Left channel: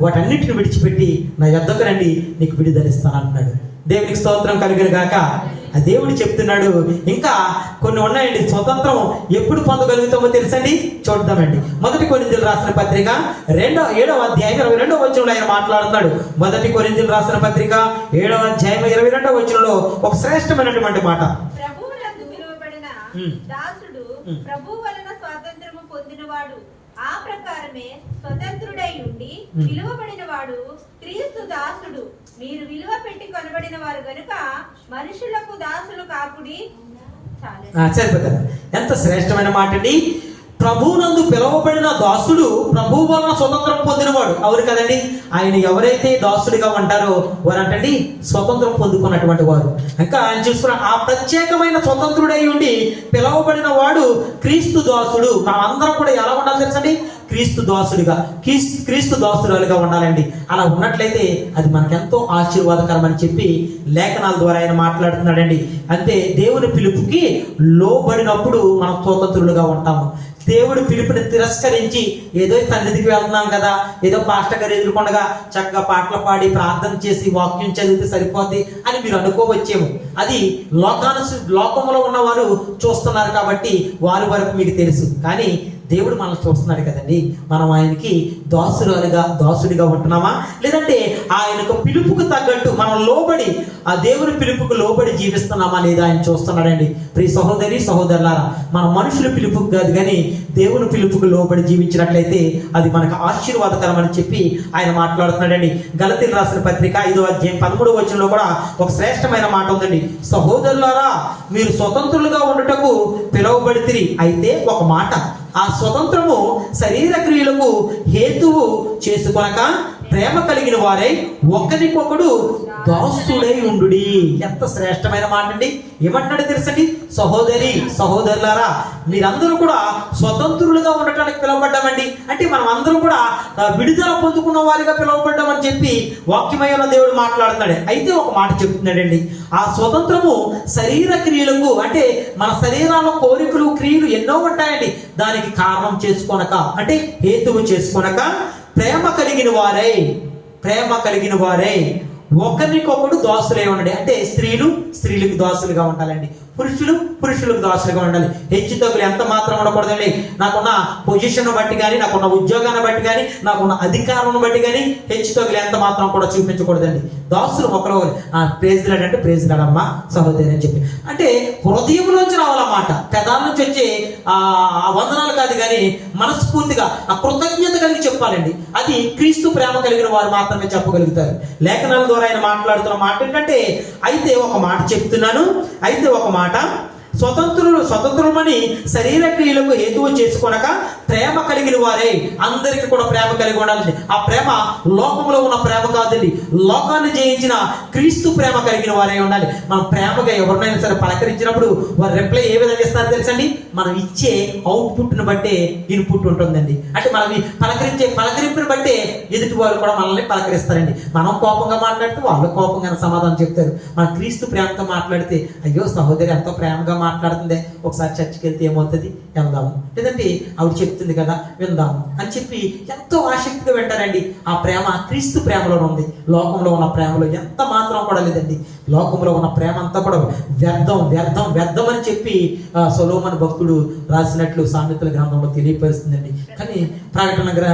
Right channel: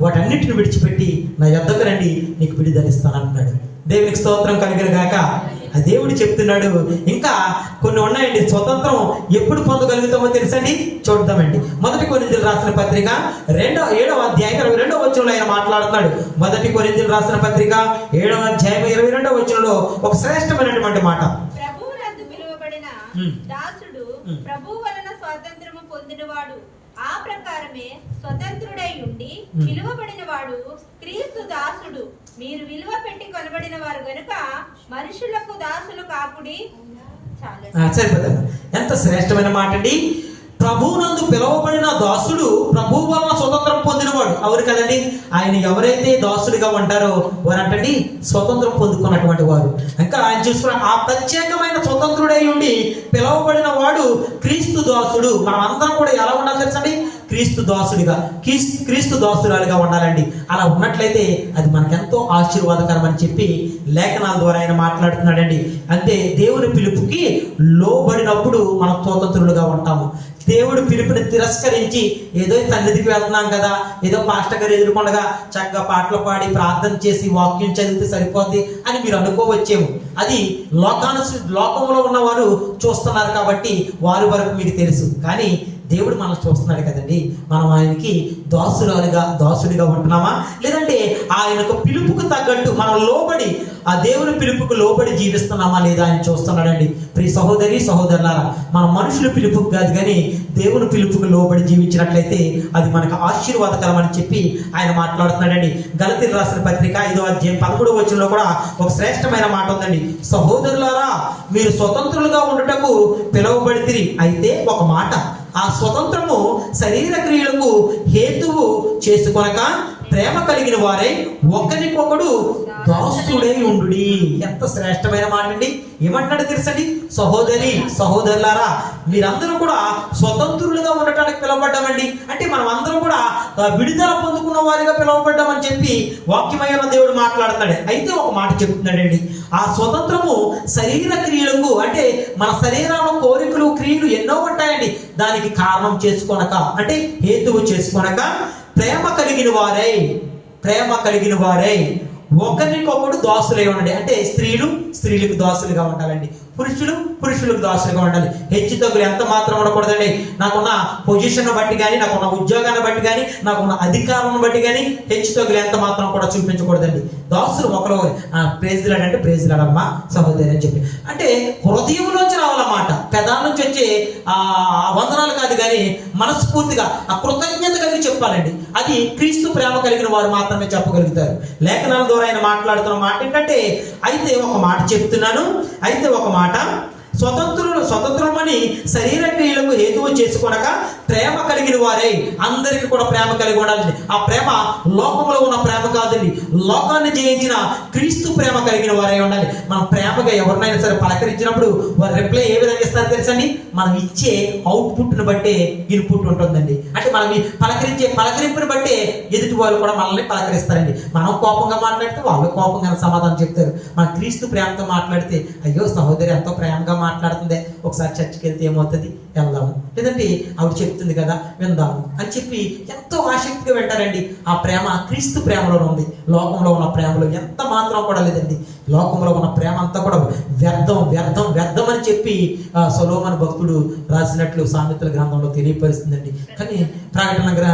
వాటన్నిటిని విడిచిపెట్టి నా యొద్దకు రండి నీకు విడుదలిస్తాను అంటున్నాడు దేవునికి స్తోత్రం కలిగిన గాక ఆ దేవుడు చెప్తున్నాడు ఇంకా కొన్ని ఉన్నాయండి స్వతంత్రం ఎప్పుడు పొందగలుగుతామో తెలుసండి? చూద్దామండి. మొదటి కొరిందులు రాసిన పత్రిక రెండో ఏడవ అధ్యాయం ఇరవై రెండవ వచనంలో ఆయన మాట్లాడుతున్నాడు. మొదటి కొరిందులు రాసిన పత్రిక ఏడవ అధ్యాయం ఇరవై రెండవ వచనంలో ఒక శ్రేష్టమైనటువంటి మాట. దాసుడు. ప్రభు వలన స్వాతంత్రము పొందినవాడు. ప్రకారమే స్వతంత్రుడై ఉండి ఉమ్. పిలువబడిన వాడు క్రీస్తు దాసుడు. మీరు విలువ పెట్టి కొనబడిన వారు గనుక మనుషులకు దాసులు సరిపోతుంది ఎంత శ్రేష్టమైన మాట అండి ప్రభువునందు పిలువబడిన దాసుడు ప్రభు వలన స్వతంత్రం పొందినవాడు. అవును కదండి? ఆయన ఎవరైతే దాసుడిగా ఉంటారో వారంటండి స్వతంత్రం పొందుకున్నటువంటి వారు. ఇంకా ఆయన చూసుకున్న ఆ ప్రత్యేకమైన స్వతంత్రుడై ఉండి పిలువబడిన వాడు క్రీస్తు దాసుడు. మనం అందరం కూడా ఎలా ఉండాలి తెలుసండి? క్రీస్తు దాసుడిగా క్రీస్తు క్రీస్తు దాసురాలుగా ఉండాలండి. అలా ఉన్నట్లయితే అది మనకెంతో ఆశీర్వాదకరం అని చెప్పి లేఖనాల ద్వారా ఆయన మాట్లాడుతున్నాడండి. అంటే దేవుని పిలుపుకి లోబడినప్పుడు మనం స్వతంత్రులుగా ఉంటాము. దేవుడు పిలుపుని తిరస్కరించి ఏదో సన్నిధికి వెళ్తున్నాం కదా ఏదో పాస్టర్ గారు ఎదుర్కొండగా చక్కగా పాటలు పాడి ప్రార్థన చేసి వాక్యం చదివితే సరిపోద్ది అని మీరు అనుకోవచ్చేమో. అది లోకాను లోకంలో ఉన్నవారు చూస్తున్నారు కాబట్టి వారి వరకు మీకు తెలుసు. కానీ దేవుడు మనం చూస్తున్నాడు కదండి. మనం ఆయనకి దాసురాలుగా దాసుడిగా ఉంటున్నామా? లేదంటే ఆయనకు పిలుపుకు తగ్గట్టు మనం లోబడి ఆ దేవుని పిలుపుకు లోబడి జీవిస్తున్నామా లేదా ఆయన చూస్తున్నాడండి. ప్రియ సహోదరి సహోదరులారా మన మనుషుల పిలుపుకు కాదు కానీ దేవుని పిలుపుకు లోబడి జీవించినట్లయితే అది మనకు ఆశీర్వాదకరం అని చెప్పి ఆయన మాట్లాడుతున్నాడండి. గలతీలు రాసిన పత్రిక ఐదో అధ్యాయం పదమూడవ వచనంలో కూడా ఒక శ్రేష్టమైన మాట ఉందండి. సహోదరులారా మీరు స్వతంత్రులుగా ఉండటకు పిలువబడితిరి. అయితే ఒక మాట ఆ స్వతంత్రము శరీర క్రియలకు హేతువు చేసుకొనక ప్రేమ కలిగిన వారై ఒకరికొకడు దాసుడై ఉండు ఎంత శ్రేష్టమైన మాట అండి ఏమంటాడు తెలుసండి? సహోదరి సహోదరులారా మీరందరూ కూడా స్వతంత్రులుగా ఉండటానికి పిలువబడ్డామండి. అంటే మనం అందరం కూడా విడుదల పొందుకున్న వారిగా పిలువబడ్డామని చెప్పి వాక్యమయ్యలో దేవుడు మాట్లాడుతున్నాడు. అయితే ఒక మాట చెప్తున్నాడండి. ఆ స్వతంత్రము శరీర క్రియలకు అంటే మన శరీరంలో కోరికలు క్రియలు ఎన్నో ఉంటాయండి. దానికి కారణం చేసుకోనక అంటే హేతువు చేసుకోనక ప్రేమ కలిగిన వారై ప్రేమ కలిగిన వారై ఒకరికొకడు దాసులై ఉండండి. అంటే స్త్రీలు స్త్రీలకు దాసులుగా ఉండాలండి. పురుషులు పురుషులకు దాసులుగా ఉండాలి హెచ్చు తగ్గులు ఎంత మాత్రం ఉండకూడదండి. నాకున్న పొజిషన్ బట్టి కానీ నాకున్న ఉద్యోగాన్ని బట్టి కానీ నాకున్న అధికారం బట్టి కానీ హెచ్చు తగ్గులు ఎంత మాత్రం కూడా చూపించకూడదండి. దాసులు ఒకరు ప్రేజ్లాడు అంటే ప్రేజ్లాడమ్మా సహోదరి అని చెప్పి. అంటే హృదయంలోంచి రావాలన్నమాట. పెదాల నుంచి వచ్చే ఆ ఆ వందనాలు కాదు కానీ మనస్ఫూర్తిగా ఆ కృతజ్ఞత కలిగి చెప్పాలండి. అది క్రీస్తు ప్రేమ కలిగిన వారు మాత్రమే చెప్పగలుగుతారు. లేఖనాల ద్వారా ఆయన మాట్లాడుతున్న మాట ఏంటంటే అయితే ఒక మాట చెప్తున్నాను అయితే ఒక మాట మాట స్వతంత్రులు స్వతంత్రులమని శరీర క్రియలకు హేతువు చేసుకొనక ప్రేమ కలిగిన వారే. అందరికీ కూడా ప్రేమ కలిగి ఉండాలండి ఆ ప్రేమ లోకంలో ఉన్న ప్రేమ కాదండి. లోకాన్ని జయించిన క్రీస్తు ప్రేమ కలిగిన వారే ఉండాలి. మనం ప్రేమగా ఎవరినైనా సరే పలకరించినప్పుడు వారి రిప్లై ఏ విధంగా ఇస్తారు తెలుసండి? మనం ఇచ్చే అవుట్పుట్ని బట్టే ఇన్పుట్ ఉంటుందండి. అంటే మనం పలకరించే పలకరింపుని బట్టే ఎదుటి వారు కూడా మనల్ని పలకరిస్తారండి. మనం కోపంగా మాట్లాడితే వాళ్ళు కోపంగా సమాధానం చెప్తారు. మన క్రీస్తు ప్రేమతో మాట్లాడితే అయ్యో సహోదరి ఎంతో ప్రేమగా మాట్లాడుతుంది. ఒకసారి చర్చికి వెళ్తే ఏమవుతుంది? వెళ్దాం. లేదంటే ఆవిడ చెప్తుంది కదా విందాం అని చెప్పి ఎంతో ఆసక్తిగా వింటారండి. ఆ ప్రేమ క్రీస్తు ప్రేమలో ఉంది. లోకంలో ఉన్న ప్రేమలో ఎంత మాత్రం కూడా లేదండి. లోకంలో ఉన్న ప్రేమ అంతా కూడా వ్యర్థం వ్యర్థం వ్యర్థం అని చెప్పి ఆ సొలోమన్ భక్తుడు రాసినట్లు సామెతల గ్రంథంలో తెలియపరుస్తుందండి. కానీ ప్రకటన గ్ర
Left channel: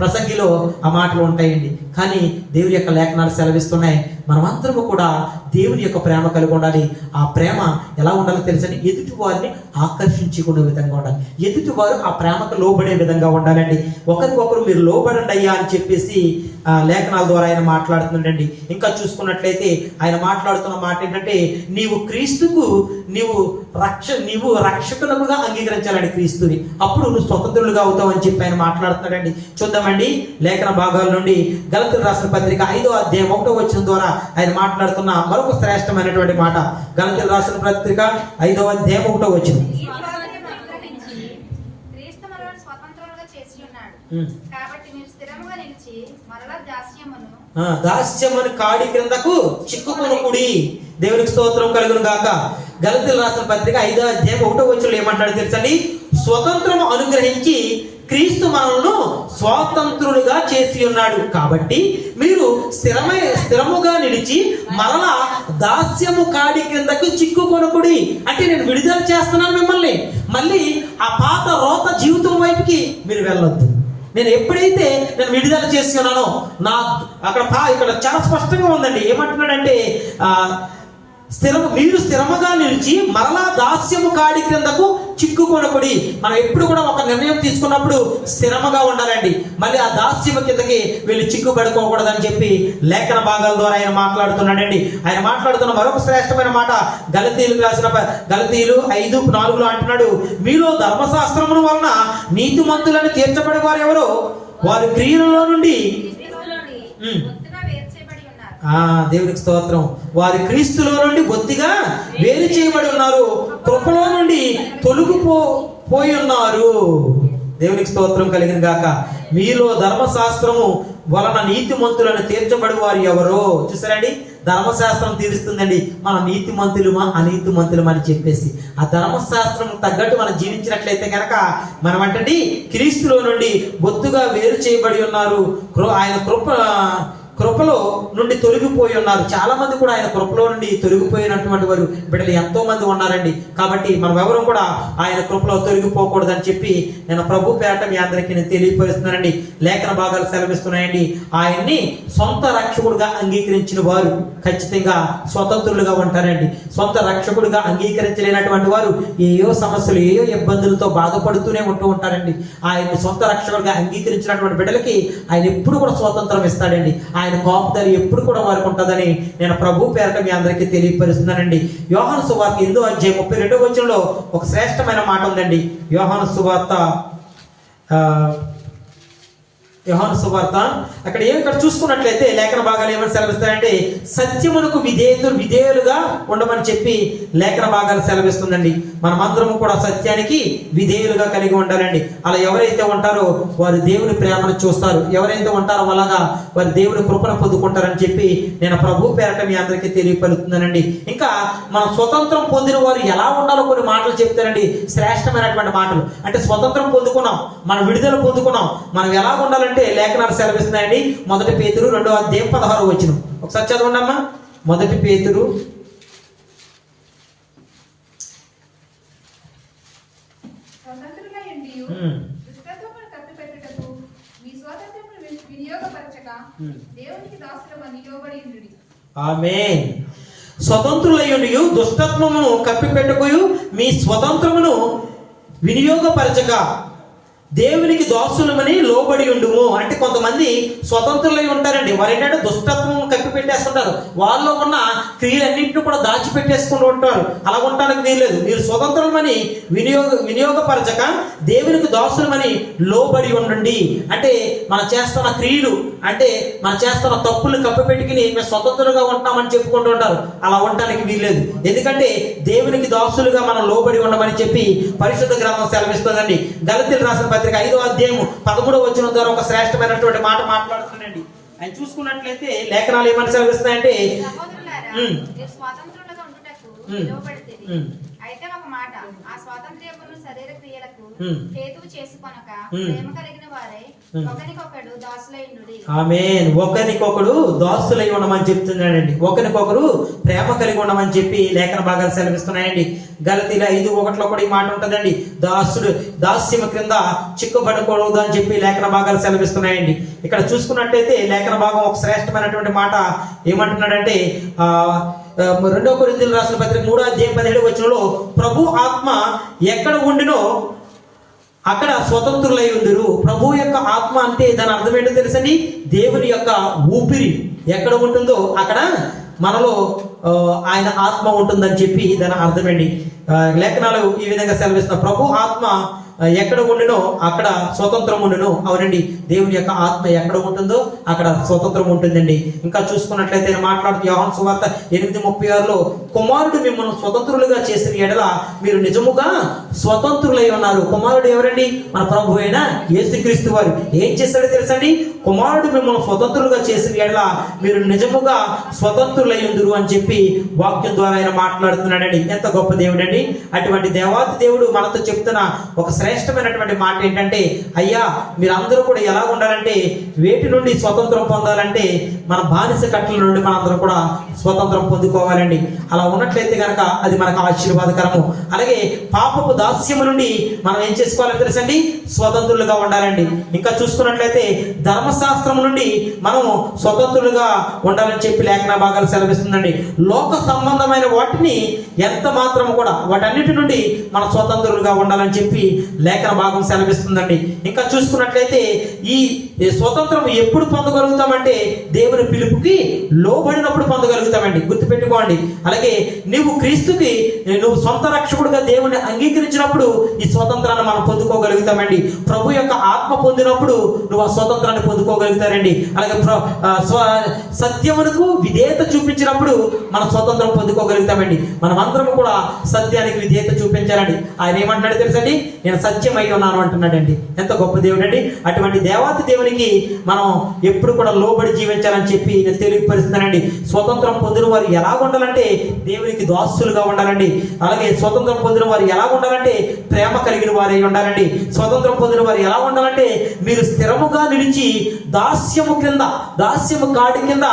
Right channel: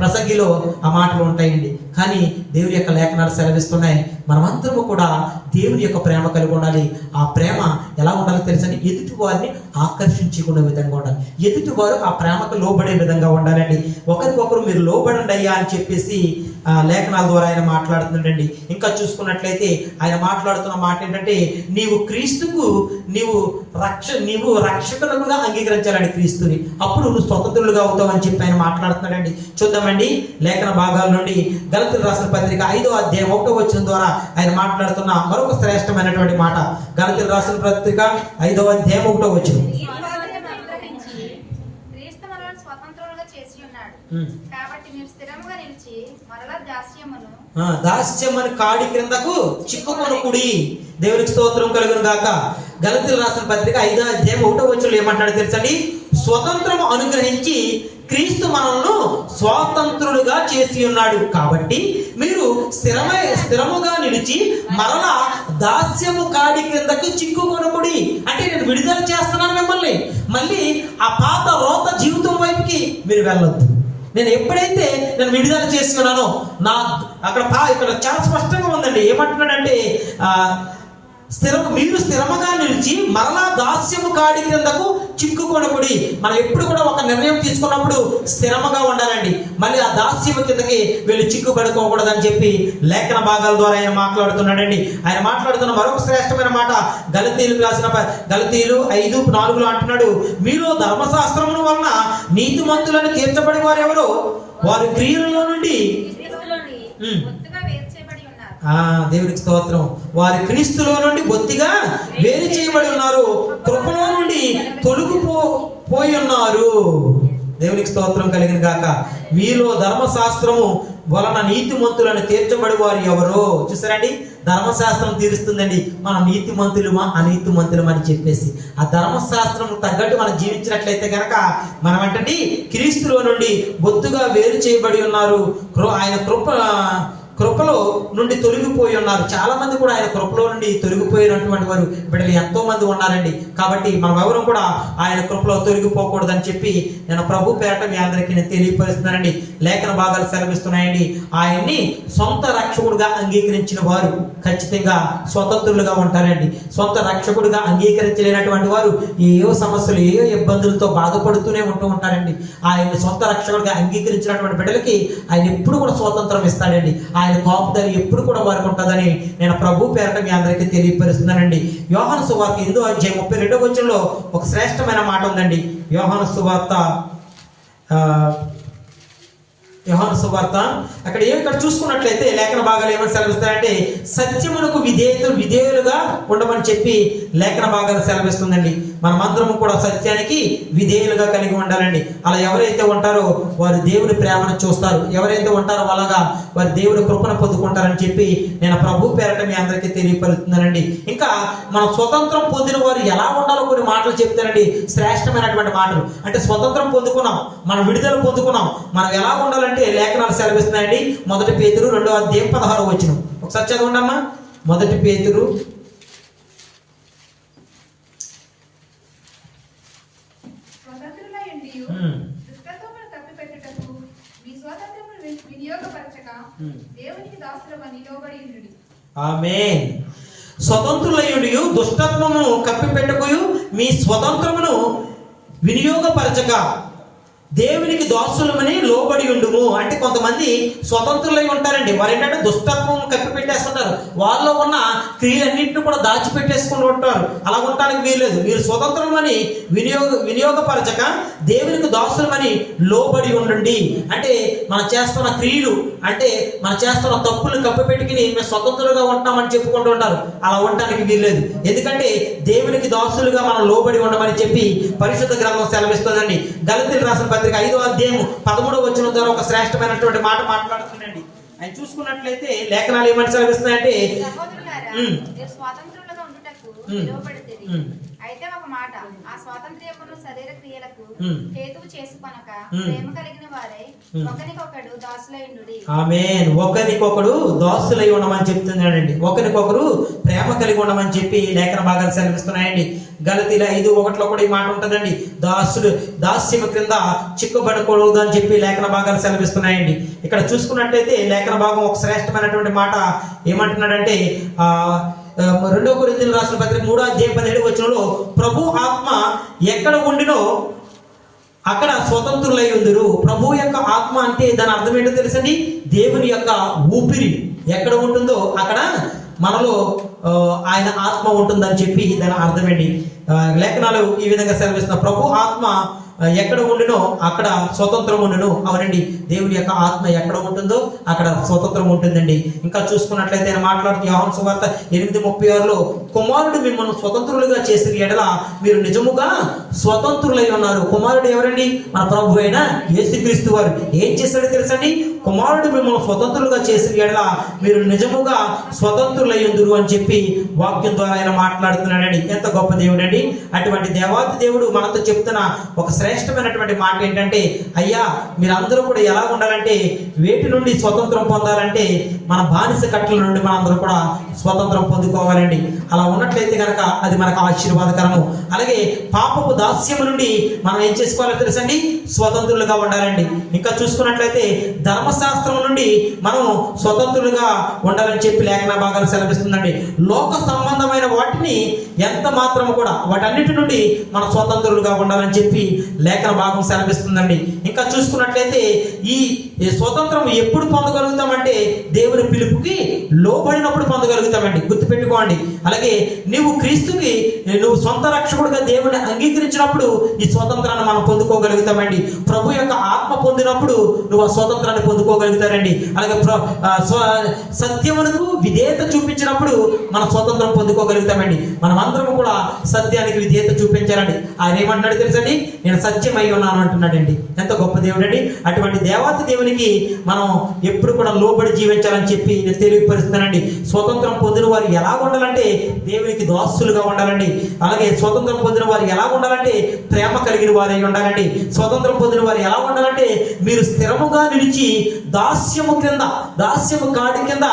ప్రసంగిలో ఆ మాటలు ఉంటాయండి. కానీ దేవుడి యొక్క లేఖనాలు సెలవిస్తున్నాయి. మనమందరము కూడా దేవుని యొక్క ప్రేమ కలిగి ఉండాలి. ఆ ప్రేమ ఎలా ఉండాలో తెలుసని ఎదుటి వారిని ఆకర్షించుకునే విధంగా ఉండాలి. ఎదుటి వారు ఆ ప్రేమకు లోబడే విధంగా ఉండాలండి. ఒకరికొకరు మీరు లోబడండి అయ్యా అని చెప్పేసి లేఖనాల ద్వారా ఆయన మాట్లాడుతుండండి. ఇంకా చూసుకున్నట్లయితే ఆయన మాట్లాడుతున్న మాట ఏంటంటే నీవు క్రీస్తుకు నీవు రక్ష నీవు రక్షకులుగా అంగీకరించాలండి క్రీస్తుని. అప్పుడు నువ్వు స్వతంత్రులుగా అవుతావు అని చెప్పి ఆయన మాట్లాడుతున్నాడండి. చూద్దామండి లేఖన భాగాల నుండి గలతులు రాసిన పత్రిక ఐదో అధ్యాయం ఒకటో వచ్చిన ద్వారా ఆయన మాట్లాడుతున్న మరొక శ్రేష్టమైనటువంటి మాట. గలతులు రాసిన పత్రిక ఐదో అధ్యాయం ఒకటో వచ్చింది ఈ స్వాతంత్ర్యం అనుగ్రహించి క్రీస్తు మనల్ని స్వతంత్రులుగా చేసి ఉన్నాడు ఉమ్. కాబట్టి మీరు స్థిరముగా నిలిచి మరలా దాస్యమని కాడి క్రిందకు చిక్కుకొనకుడి దేవునికి స్తోత్రం కలుగును గాక. గలతీలు రాసిన పత్రిక ఐదో అధ్యాయం ఒకటో వచ్చులు ఏమంటాడు తెలుసండి? స్వతంత్రం అనుగ్రహించి క్రీస్తు మనల్ని స్వాతంత్రులుగా చేసి ఉన్నాడు. కాబట్టి మీరు స్థిరమై స్థిరముగా నిలిచి మరలా దాస్యము కాడి క్రిందకి చిక్కుకొనకుడి అంటే నేను విడుదల చేస్తున్నాను మిమ్మల్ని. మళ్ళీ ఆ పాత రోత జీవితం వైపుకి మీరు వెళ్ళొద్దు. నేను ఎప్పుడైతే నేను విడుదల చేసి ఉన్నానో నా అక్కడ ఇక్కడ చాలా స్పష్టంగా ఉందండి. ఏమంటున్నాడంటే ఆ స్థిరం మీరు స్థిరముగా నిలిచి మరలా దాస్యము కాడి క్రిందకు చిక్కుకొనకుడి మనం ఎప్పుడు కూడా ఒక నిర్ణయం తీసుకున్నప్పుడు స్థిరముగా ఉండాలండి. మళ్ళీ ఆ దాస్యము కిందకి వీళ్ళు చిక్కుపడుకోకూడదని చెప్పి లేఖన భాగాల ద్వారా ఆయన మాట్లాడుతున్నాడండి. ఆయన మాట్లాడుతున్న మరొక శ్రేష్టమైన మాట గలతీయులకు రాసిన దళితీలు ఐదు నాలుగులో అంటున్నాడు మీలో ధర్మశాస్త్రముల వలన నీతిమంతులను తీర్చబడి వారు వారి క్రియలలో నుండి దేవుడికి స్తోత్రం. వారి క్రీస్తులో నుండి బొత్తిగా వేరు చేయబడి ఉన్నారు. కృపలో నుండి తొలగిపో పోయి ఉన్నారు. దేవునికి స్తోత్రం కలిగిన గాక. మీలో ధర్మశాస్త్రము వలన నీతిమంతులను తీర్చబడి వారు ఎవరో చూసారండి? ధర్మశాస్త్రం తీరుస్తుందండి. మన నీతిమంతులమా అనీతిమంతులమా అని చెప్పేసి. ఆ ధర్మశాస్త్రం తగ్గట్టు మనం జీవించినట్లయితే కనుక మనం అంటే క్రీస్తులో నుండి బొత్తుగా వేరు చేయబడి ఉన్నారు. ఆయన కృప కృపలో నుండి తొలగిపోయి ఉన్నారు. చాలా మంది కూడా ఆయన కృపలో నుండి తొలగిపోయినటువంటి వారు బిడ్డలు ఎంతో మంది ఉన్నారండి. కాబట్టి మనం ఎవరు కూడా ఆయన కృపలో తొలగిపోకూడదని చెప్పి నేను ప్రభు పేరట మీ అందరికీ నేను తెలియపరుస్తున్నానండి. లేఖన భాగాలు సెలవిస్తున్నాయండి. ఆయన్ని సొంత రక్షకుడుగా అంగీకరించిన వారు ఖచ్చితంగా స్వతంత్రులుగా ఉంటారండి. సొంత రక్షకుడుగా అంగీకరించలేనటువంటి వారు ఏయో సమస్యలు ఏయో ఇబ్బందులతో బాధపడుతూనే ఉంటూ ఉంటారండి. ఆయన్ని సొంత రక్షకుడిగా అంగీకరించినటువంటి బిడ్డలకి ఆయన ఎప్పుడు కూడా స్వాతంత్రం ఇస్తాడండి. ఆయన కాపుదలు ఎప్పుడు కూడా వారికి ఉంటుందని నేను ప్రభు పేరట మీ అందరికీ తెలియపరుస్తున్నానండి. యోహాను సువార్త ఎందు అధ్యాయం ముప్పై రెండో వచ్చంలో ఒక శ్రేష్టమైన మాట ఉందండి. యోహాను సువార్త వ్యవహార సువార్త. అక్కడ ఏమి ఇక్కడ చూసుకున్నట్లయితే లేఖన భాగాలు ఏమని సెలవిస్తాయంటే సత్యమునకు విధేయతలు విధేయులుగా ఉండమని చెప్పి లేఖన భాగాలు సెలవిస్తుందండి. మనమందరము కూడా సత్యానికి విధేయులుగా కలిగి ఉండాలండి. అలా ఎవరైతే ఉంటారో వారు దేవుని ప్రేమను చూస్తారు. ఎవరైతే ఉంటారో అలాగా వారు దేవుని కృపను పొందుకుంటారని చెప్పి నేను ప్రభు పేరట మీ అందరికీ తెలియపరుస్తున్నానండి. ఇంకా మనం స్వతంత్రం పొందిన వారు ఎలా ఉండాలో మాటలు చెప్తానండి శ్రేష్టమైనటువంటి మాటలు. అంటే స్వతంత్రం పొందుకున్నాం. మనం విడుదల పొందుకున్నాం. మనం ఎలా ఉండాలంటే లేఖనాలు సెలవిస్తున్నాయండి. మొదటి పేతురు రెండో అధ్యాయం పదహారు వచ్చిన ఒకసారి చదవండి అమ్మా. మొదటి పేతురు ఆమె స్వతంత్రులయుడి దుష్టత్వమును కప్పిపెట్టుకుయు మీ స్వతంత్రమును వినియోగపరచక దేవునికి దోస్తులమని లోబడి ఉండుము. అంటే కొంతమంది స్వతంత్రులై ఉంటారండి. వారు ఏంటంటే దుష్టత్వం కప్పి పెట్టేస్తుంటారు వాళ్ళలో ఉన్న క్రియలన్నింటినీ కూడా దాచిపెట్టేసుకుని ఉంటారు. అలా ఉండటానికి వీల్లేదు. మీరు స్వతంత్రమని వినియోగ వినియోగపరచక దేవునికి దోషులమని లోబడి ఉండండి. అంటే మనం చేస్తున్న క్రియలు అంటే మనం చేస్తున్న తప్పులు కప్పిపెట్టుకుని మేము స్వతంత్రంగా ఉంటామని చెప్పుకుంటూ ఉంటారు. అలా ఉండడానికి వీల్లేదు. ఎందుకంటే దేవునికి దాసులుగా మనం లోబడి ఉండమని చెప్పి పరిశుద్ధ గ్రామం సెలవిస్తుందండి. దళితులు రాసిన పత్రిక ఐదో అధ్యాయం పదమూడవ వచ్చిన ద్వారా ఒక శ్రేష్టమైనటువంటి మాట మాట్లాడుతుందండి. ఆయన చూసుకున్నట్లయితే లేఖనాలు ఏమని ఉమ్. అయితే ఒక మాట ఆ స్వాతంత్ర్యపును శరీర క్రియలకు. హేతువు చేసుకొనక. ప్రేమ కలిగిన వారై ఆమె ఒకరికొకడు దాసులై ఉండమని చెప్తున్నాడండి. ఒకరికొకరు ప్రేమ కలిగి ఉండమని చెప్పి లేఖన భాగాలు సెలవిస్తున్నాయండి. గలతీల ఐదు ఒకటిలో కూడా ఈ మాట ఉంటుందండి. దాసుడు దాస్యము క్రింద చిక్కుబడకూడదు అని చెప్పి లేఖన భాగాలు సెలవిస్తున్నాయండి. ఇక్కడ చూసుకున్నట్టయితే లేఖన భాగం ఒక శ్రేష్టమైనటువంటి మాట. ఏమంటున్నాడంటే రెండో కొరింథీయులు రాసిన పత్రిక మూడో అధ్యాయం పదిహేడు వచనంలో ప్రభు ఆత్మ ఎక్కడ ఉండినో అక్కడ స్వతంత్రులై ఉందరు ప్రభు యొక్క ఆత్మ అంటే దాని అర్థం ఏంటో తెలుసండి? దేవుని యొక్క ఊపిరి ఎక్కడ ఉంటుందో అక్కడ మనలో ఆయన ఆత్మ ఉంటుందని చెప్పి దాని అర్థమండి ఆ, లేఖనాలు ఈ విధంగా సెలవిస్తున్న ప్రభు ఆత్మ ఎక్కడ ఉండునో అక్కడ స్వతంత్రం ఉండును. అవునండి. దేవుని యొక్క ఆత్మ ఎక్కడ ఉంటుందో అక్కడ స్వతంత్రం ఉంటుందండి. ఇంకా చూసుకున్నట్లయితే ఆయన మాట్లాడుతూ యోహన్ సువార్త ఎనిమిది ముప్పై ఆరులో కుమారుడు మిమ్మల్ని స్వతంత్రులుగా చేసిన ఎడల మీరు నిజముగా స్వతంత్రులై ఉన్నారు. కుమారుడు ఎవరండి? మన ప్రభు అయిన యేసుక్రీస్తు వారు. ఏం చేశాడో తెలుసండి కుమారుడు మిమ్మల్ని స్వతంత్రులుగా చేసిన ఎడల మీరు నిజముగా స్వతంత్రులై ఉందరు అని చెప్పి వాక్యం ద్వారా ఆయన మాట్లాడుతున్నాడండి. ఎంత గొప్ప దేవుడండి. అటువంటి దేవాతి దేవుడు మనతో చెప్తున్న ఒక శ్రేష్టమైనటువంటి మాట ఏంటంటే అయ్యా మీరందరూ కూడా ఎలా ఉండాలంటే వేటి నుండి స్వతంత్రం పొందాలంటే మన బానిస కట్టల నుండి మనందరం కూడా స్వతంత్రం పొందుకోవాలండి. అలా ఉన్నట్లయితే కనుక అది మనకు ఆశీర్వాదకరము. అలాగే పాపపు దాస్యము నుండి మనం ఏం చేసుకోవాలో తెలుసండి? స్వతంత్రులుగా ఉండాలండి. ఇంకా చూసుకున్నట్లయితే ధర్మశాస్త్రం నుండి మనం స్వతంత్రులుగా ఉండాలని చెప్పి లేఖన భాగాలు సెలవిస్తుందండి. లోక సంబంధమైన వాటిని ఎంత మాత్రం కూడా వాటన్నిటి నుండి మనం స్వతంత్రులుగా ఉండాలని చెప్పి లేఖన భాగం సెలవిస్తుందండి. ఇంకా చూసుకున్నట్లయితే ఈ స్వతంత్రం ఎప్పుడు పొందగలుగుతామంటే దేవుని పిలుపుకి లోబడినప్పుడు చేయగలుగుతామండి గుర్తుపెట్టుకోండి. అలాగే నువ్వు క్రీస్తుకి నువ్వు సొంత రక్షకుడుగా దేవుడిని అంగీకరించినప్పుడు ఈ స్వతంత్రాన్ని మనం పొందుకోగలుగుతామండి. ప్రభు యొక్క ఆత్మ పొందినప్పుడు నువ్వు ఆ స్వతంత్రాన్ని పొందుకోగలుగుతారండి. అలాగే సత్యమునకు విధేయత చూపించినప్పుడు మనం స్వతంత్రం పొందుకోగలుగుతామండి. మనం అందరం కూడా సత్యానికి విధేయత చూపించాలండి. ఆయన ఏమంటున్నాడు తెలుసండి? నేను సత్యమై ఉన్నాను అంటున్నాడండి. ఎంత గొప్ప దేవుడు అండి అటువంటి దేవాతి దేవునికి మనం ఎప్పుడు కూడా లోబడి జీవించాలని చెప్పి నేను తెలియపరుస్తున్నానండి. స్వతంత్రం పొందిన వారు ఎలా ఉండాలంటే దేవునికి దాసులుగా ఉండాలండి. అలాగే స్వతంత్రం పొందిన వారు ఎలా ఉండాలంటే ప్రేమ కలిగిన వారై ఉండాలండి. స్వతంత్రం పొందిన వారు ఎలా ఉండాలంటే మీరు స్థిరముగా నిలిచి దాస్యము క్రింద దాస్యము కాడి కింద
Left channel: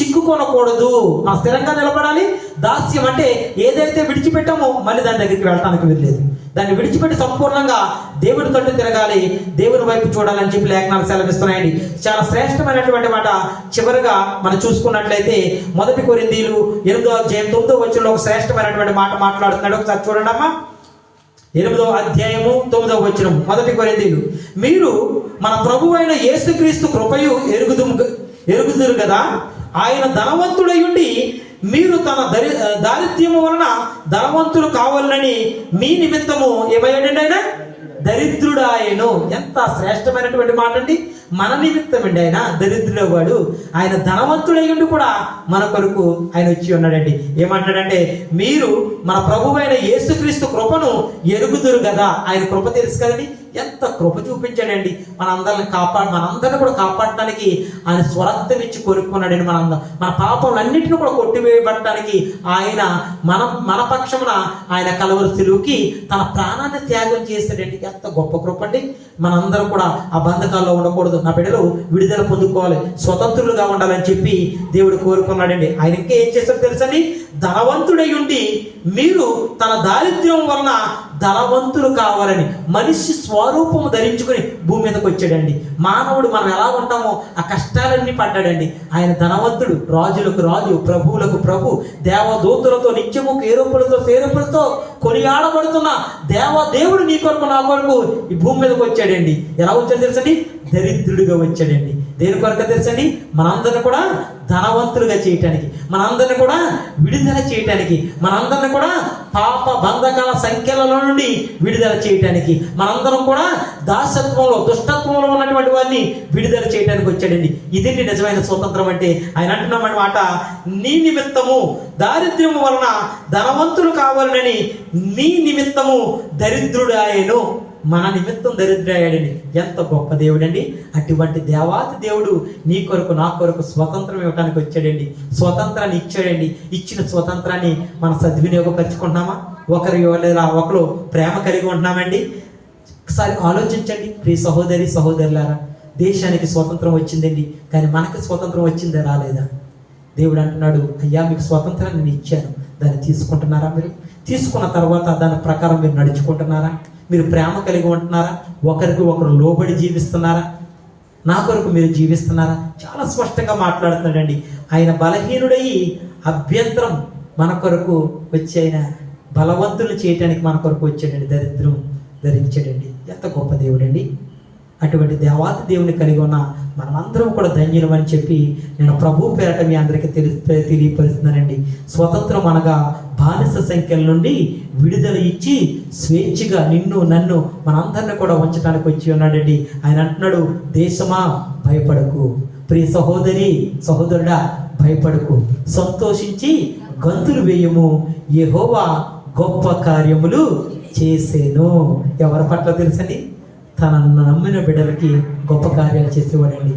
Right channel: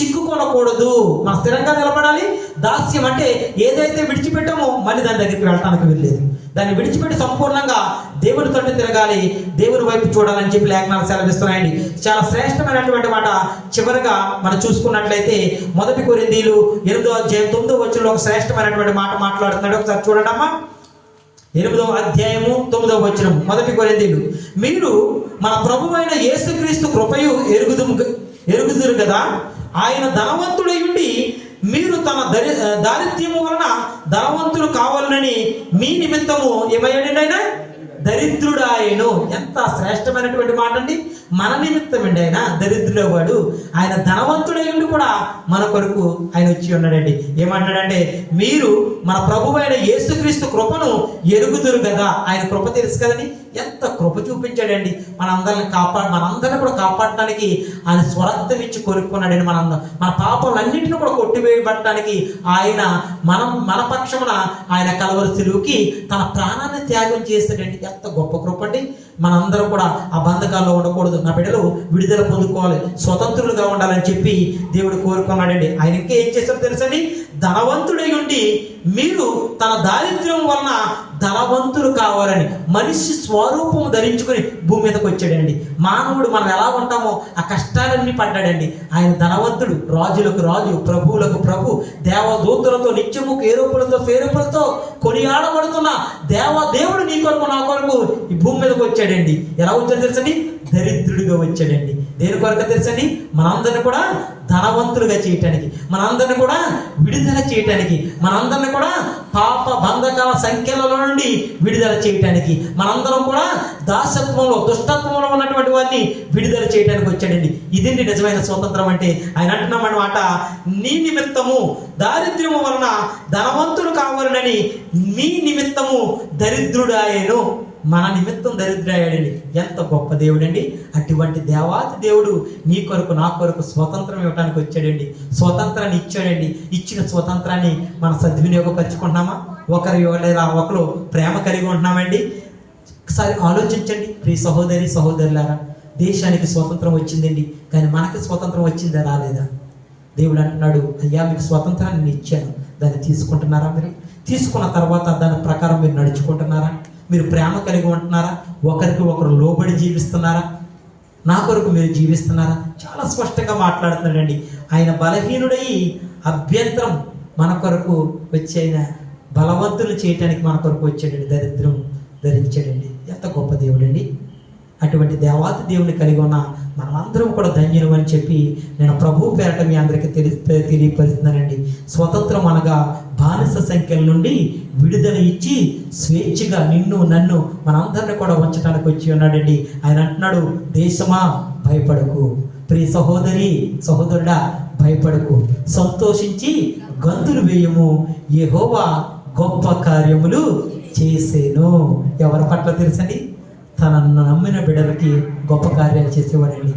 చిక్కుకొనకూడదు. మనం స్థిరంగా నిలబడాలి. దాస్యం అంటే ఏదైతే విడిచిపెట్టామో మళ్ళీ దాని దగ్గరికి వెళ్ళటానికి వెళ్ళలేదు దాన్ని విడిచిపెట్టి సంపూర్ణంగా దేవుడి తోటి తిరగాలి దేవుని వైపు చూడాలని చెప్పి లేఖనాలు సెలవిస్తున్నాయండి. చాలా శ్రేష్టమైనటువంటి మాట. చివరిగా మనం చూసుకున్నట్లయితే మొదటి కొరిందీలు ఎనిమిదో అధ్యాయం తొమ్మిదో వచ్చిన ఒక శ్రేష్టమైనటువంటి మాట మాట్లాడుతున్నాడు. ఒకసారి చూడండి అమ్మా ఎనిమిదవ అధ్యాయము తొమ్మిదవ వచనం. మొదటి కొరిందీలు మీరు మన ప్రభు అయిన యేసుక్రీస్తు కృపయు ఎరుగుదు ఎరుగుదురు కదా? ఆయన ధనవంతుడయుండి మీరు తన దరి దారిద్ర్యము వలన ధనవంతులు కావాలని మీ నిమిత్తము ఏమయ్యాడండి ఆయన దరిద్రుడాయను. ఎంత శ్రేష్టమైనటువంటి మాట అండి మన నిమిత్తమండి ఆయన దరిద్రుడవాడు ఆయన ధనవంతుడై ఉండి కూడా మన కొరకు ఆయన వచ్చి ఉన్నాడండి. ఏమంటాడంటే మీరు మన ప్రభువైన యేసుక్రీస్తు కృపను ఎరుగుదురు కదా. ఆయన కృప తెలుసు కదండి. ఎంత కృప చూపించాడండి. మనందరిని కాపాడు మనందరిని కూడా కాపాడటానికి ఆయన స్వరక్తనిచ్చి కొనుక్కున్నాడండి మనందరం. మన పాపములన్నింటిని కూడా కొట్టివేయబడటానికి ఆయన మనం మన పక్షమున ఆయన కలవరి సిలువుకి తన ప్రాణాన్ని త్యాగం చేశాడండి. ఎంత గొప్ప కృప అండి మనందరం కూడా ఆ బంధకాల్లో ఉండకూడదు. నా బిడ్డలు విడుదల పొందుకోవాలి. స్వతంత్రులుగా ఉండాలని చెప్పి దేవుడు కోరుకున్నాడండి. ఆయన ఇంకా ఏం చేశారు తెలుసండి? ధనవంతుడై ఉండి మీరు తన దారిద్ర్యం వలన ధనవంతులు కావాలని మనిషి స్వరూపము ధరించుకొని భూమి మీదకి వచ్చాడండి. మానవుడు మనం ఎలా ఉంటామో ఆ కష్టాలన్నీ పడ్డాడండి. ఆయన ధనవంతుడు రాజులకు రాజు ప్రభువులకు ప్రభు దేవదూతులతో నిత్యము కేరుపులతో సేరుపులతో కొనియాడబడుతున్న దేవదేవుడు నీ కొరకు నా కొరకు ఈ భూమి మీదకి వచ్చాడండి. ఎలా వచ్చాడు తెలుసండి? దరిద్రుడిగా వచ్చాడండి. దేని కొరకు తెలుసండి? మనందరిని కూడా ధనవంతులుగా చేయటానికి మనందరిని కూడా విడుదల చేయటానికి మనందరిని కూడా పాప బంధకాల సంఖ్యలలో నుండి విడుదల చేయటానికి మనందరం కూడా దాసత్వంలో దుష్టత్వంలో ఉన్నటువంటి వారిని విడుదల చేయడానికి వచ్చాడండి. ఇదండి నిజమైన స్వతంత్రం అంటే? ఆయన అంటున్నమాట నీ నిమిత్తము దారిద్ర్యము వలన ధనవంతులు కావాలని నీ నిమిత్తము దరిద్రుడాయను మన నిమిత్తం దరిద్రయ్యాడండి. ఎంత గొప్ప దేవుడండి. అటువంటి దేవాతి దేవుడు నీ కొరకు నా కొరకు స్వతంత్రం ఇవ్వడానికి వచ్చాడండి. స్వతంత్రాన్ని ఇచ్చాడండి. ఇచ్చిన స్వతంత్రాన్ని మనం సద్వినియోగపరుచుకుంటున్నామా? ఒకరి లేదా ఒకరు ప్రేమ కలిగి ఉంటున్నామండి. ఒకసారి ఆలోచించండి. ప్రియ సహోదరి సహోదరులారా దేశానికి స్వతంత్రం వచ్చిందండి. కానీ మనకి స్వతంత్రం వచ్చిందా రాలేదా? దేవుడు అంటున్నాడు అయ్యా మీకు స్వతంత్రాన్ని ఇచ్చాను. దాన్ని తీసుకుంటున్నారా మీరు? తీసుకున్న తర్వాత దాని ప్రకారం మీరు నడుచుకుంటున్నారా? మీరు ప్రేమ కలిగి ఉంటున్నారా? ఒకరికి ఒకరు లోబడి జీవిస్తున్నారా? నా కొరకు మీరు జీవిస్తున్నారా? చాలా స్పష్టంగా మాట్లాడుతున్నాడండి. ఆయన బలహీనుడై అభ్యంతరం మన కొరకు వచ్చి ఆయన బలవంతులు చేయటానికి మన కొరకు వచ్చాడండి. దరిద్రం ధరించాడండి. ఎంత గొప్ప దేవుడండి. అటువంటి దేవాతి దేవుని కలిగి ఉన్న మనమందరం కూడా ధన్యులం అని చెప్పి నేను ప్రభు పేరట మీ అందరికీ తెలి తెలియపరుస్తున్నానండి. స్వతంత్రం అనగా బానిస సంఖ్యల నుండి విడుదల ఇచ్చి స్వేచ్ఛగా నిన్ను నన్ను మనందరిని కూడా ఉంచడానికి వచ్చి ఉన్నాడండి. ఆయన అంటున్నాడు దేశమా భయపడకు. ప్రియ సహోదరి సహోదరుడా భయపడకు. సంతోషించి గంతులు వేయము. యెహోవా గొప్ప కార్యములు చేసేను. ఎవరి పట్ల తెలుసండి? తనను నమ్మిన బిడ్డలకి గొప్ప కార్యాలు చేసేవాడండి